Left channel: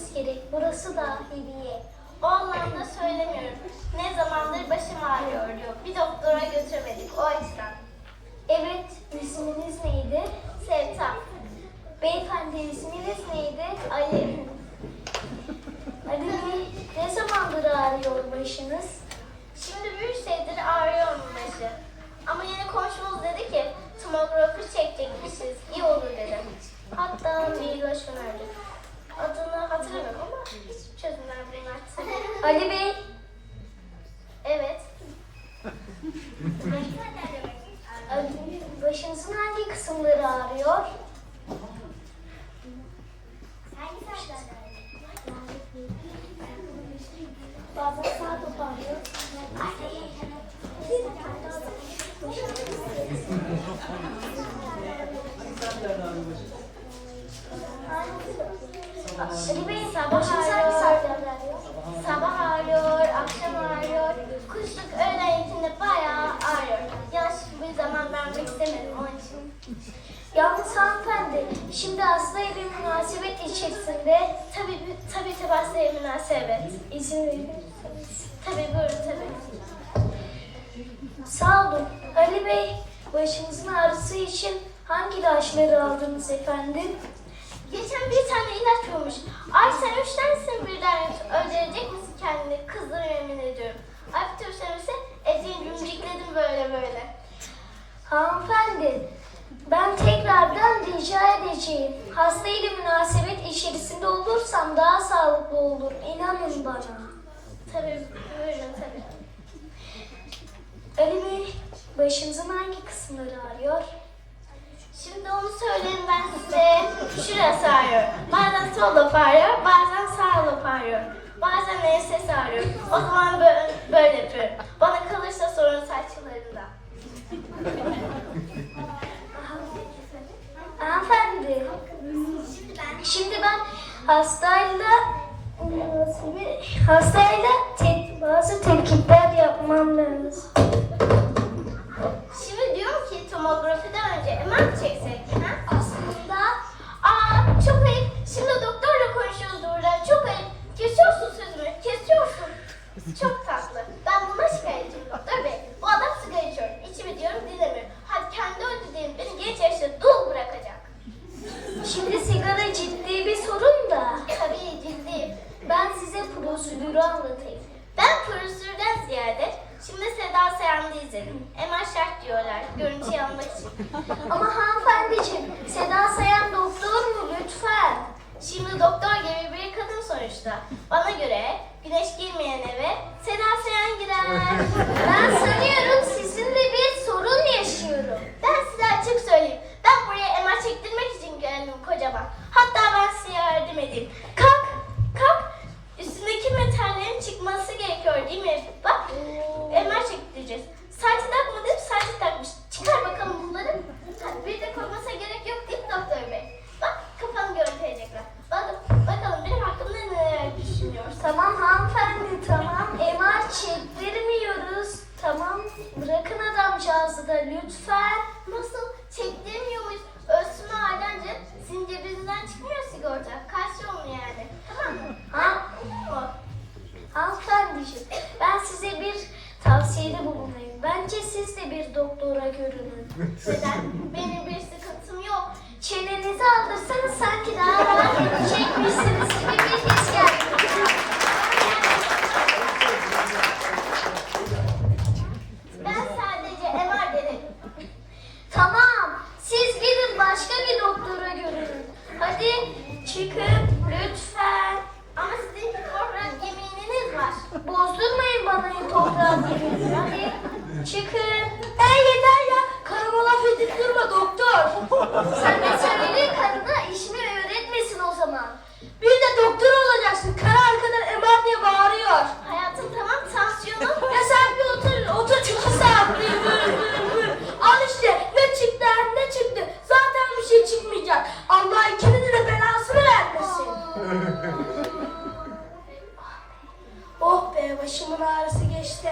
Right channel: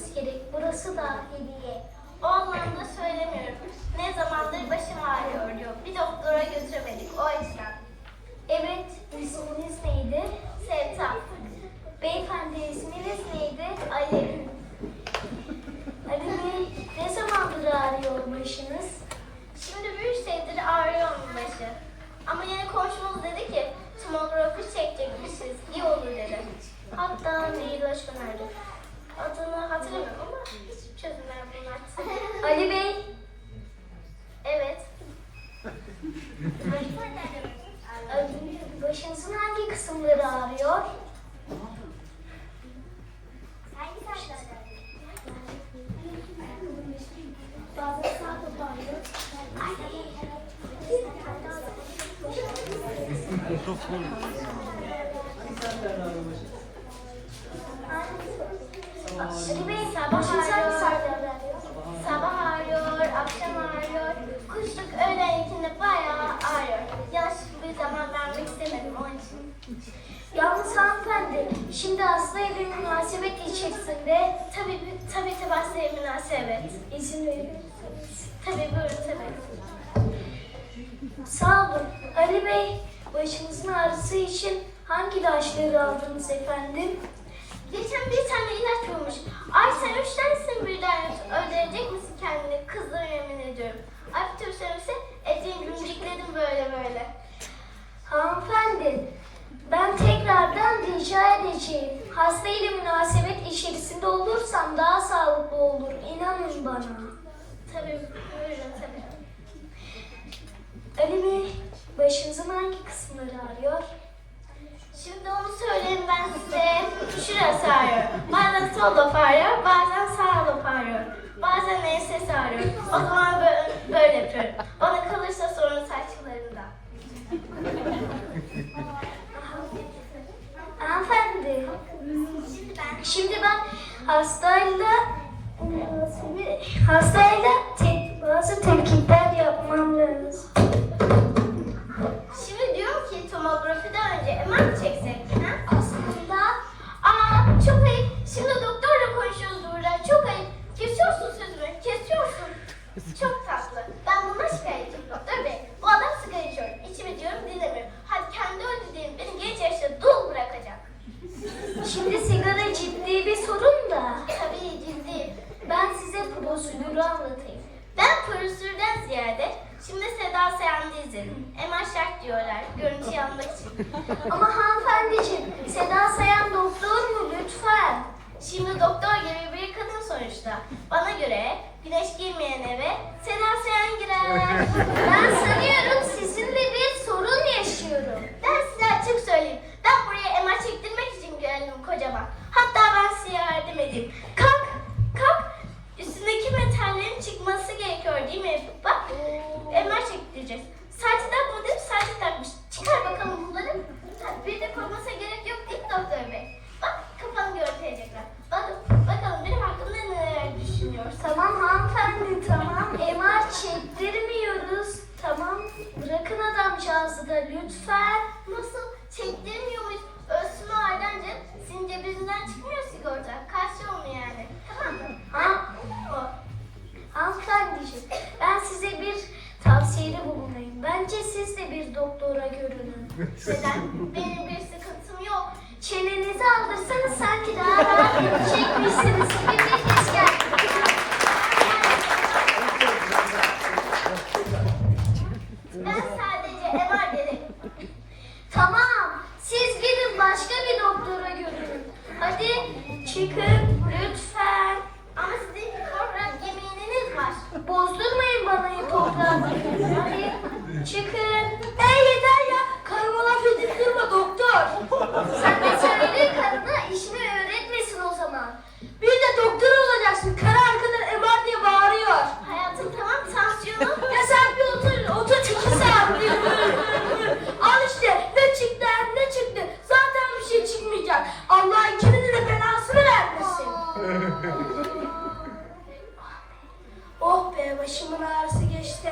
gitmeniz gerek. Burası da hediye. O anlamda söylemiyorum. Ne zamandır başım ağrıyor. Bir doktora götüremedik o yüzden. Evet, isminiz neydi? Sevta. Beyefendi isminiz neydi? Ali Bey, ne zamandır ağrıyor başınız? Şimdi bir senedir ağrıyor başı? Ama yeni komşumuz dedi ki tomografi çekecekmişiz. İyi olur dedi. Hatta mail önerdi. Çözümler bunlar. Ali Bey, evet. Başınızın hangi kısımları ağrıyor? Bazen sağ ağrıyor. Ali Bey, Sabah ağrıyor. Sabah ağrıyor, akşam ağrıyor. Kışlık öğleyintinde bayağı ağrıyor. Yaş bir zaman vermek istemedim onun için. Yalnız hanımefendi, şimdi hasta ile münasebet içerisinde Tabii tabii tabii hastaya münasebet. izin verirseniz. Tabii buyurun tabii. Sağ olun. Ali Bey, başınızın ağrısı için hangi ilaçları aldınız efendim? Geçen bir tane ilaç bulmuş. Ay sen üç tanesini birden öldürecek misin kendini? Kızdır yemin ediyorum. Ay bir tür söylese etiğin cümcikledim böyle böyle. Hanımefendi, ben tekrardan rica edeceğim. Hasta ile münasebet içerisinde olursam daha sağlıklı olur. İnanın bana. Tabii buyurun tabii. Ali Bey, başınızın hangi kısımları ağrıyor? Şimdi onu söyleyeyim ben size. Şurası ağrıyor. Bazen sol laf ağrıyor, bazen sağ laf ağrıyor. Bazen enses ağrıyor. O zaman böyle, böyle yapıyorum. Bana kalırsa sorun saçlarında. Hanımefendi, şimdi ben hastayla hastayla te- bazı tetkikler yapmam lazım. Çok tatlı. Ben buna şikayetçiyim doktor bey. Bu adam sigara içiyor. İçimi diyorum dinlemiyor. Hadi kendi ödediğim beni genç yaşta dul bırakacak. Şimdi sigara ciddi bir sorun da Tabii ciddi. ben size prosedürü anlatayım. Ben prosedürden ziyade şimdi Seda Sayan'da izledim. MR şart diyorlar. Görüntüyü almak için. Ama hanımefendiciğim, Seda Sayan doktor mu lütfen? Şimdi doktor gibi bir kadın sonuçta. Bana göre Ben sanıyorum sizinle bir sorun yaşıyorum. ben size açık söyleyeyim. Ben buraya MR çektirmek için geldim kocaman. Hatta ben size yardım edeyim. Kalk, kalk. Üstündeki metallerin çıkması gerekiyor değil mi? Bak, MR çektireceğiz. Saati takmadım, saati takmış. Çıkar bakalım bunları. Hadi bir de koymasına gerek yok değil mi doktor bey? Bak, kafanı görüntüleyecekler. Bakın, bakalım benim hakkımda neler düşünüyorsun? Tamam hanımefendi tamam. MR çektirmiyoruz. Tamam. Bırakın adamcağızı da lütfen. Nasıl çektirmiyor muyuz? Ölsün o cebinizden çıkmıyor sigorta. Kaçıyor mu yani? Tamam mı? O. hanımefendiciğim ben size bir tavsiyede bulunayım. Bence siz de bir doktora görünün. Neden? Benim bir sıkıntım yok. Çenenizi aldırsanız sanki daha rahat çekmişsiniz bir his geldi. Ben sadece MR dedim. Tamam. Siz gidin başka bir doktora görünün. Hadi çıkın lütfen. Ama sizin hipokrat yemininiz var. Bozdurmayın bana hipokratları. Hadi çıkın. Ben başımın ağrısı geçti.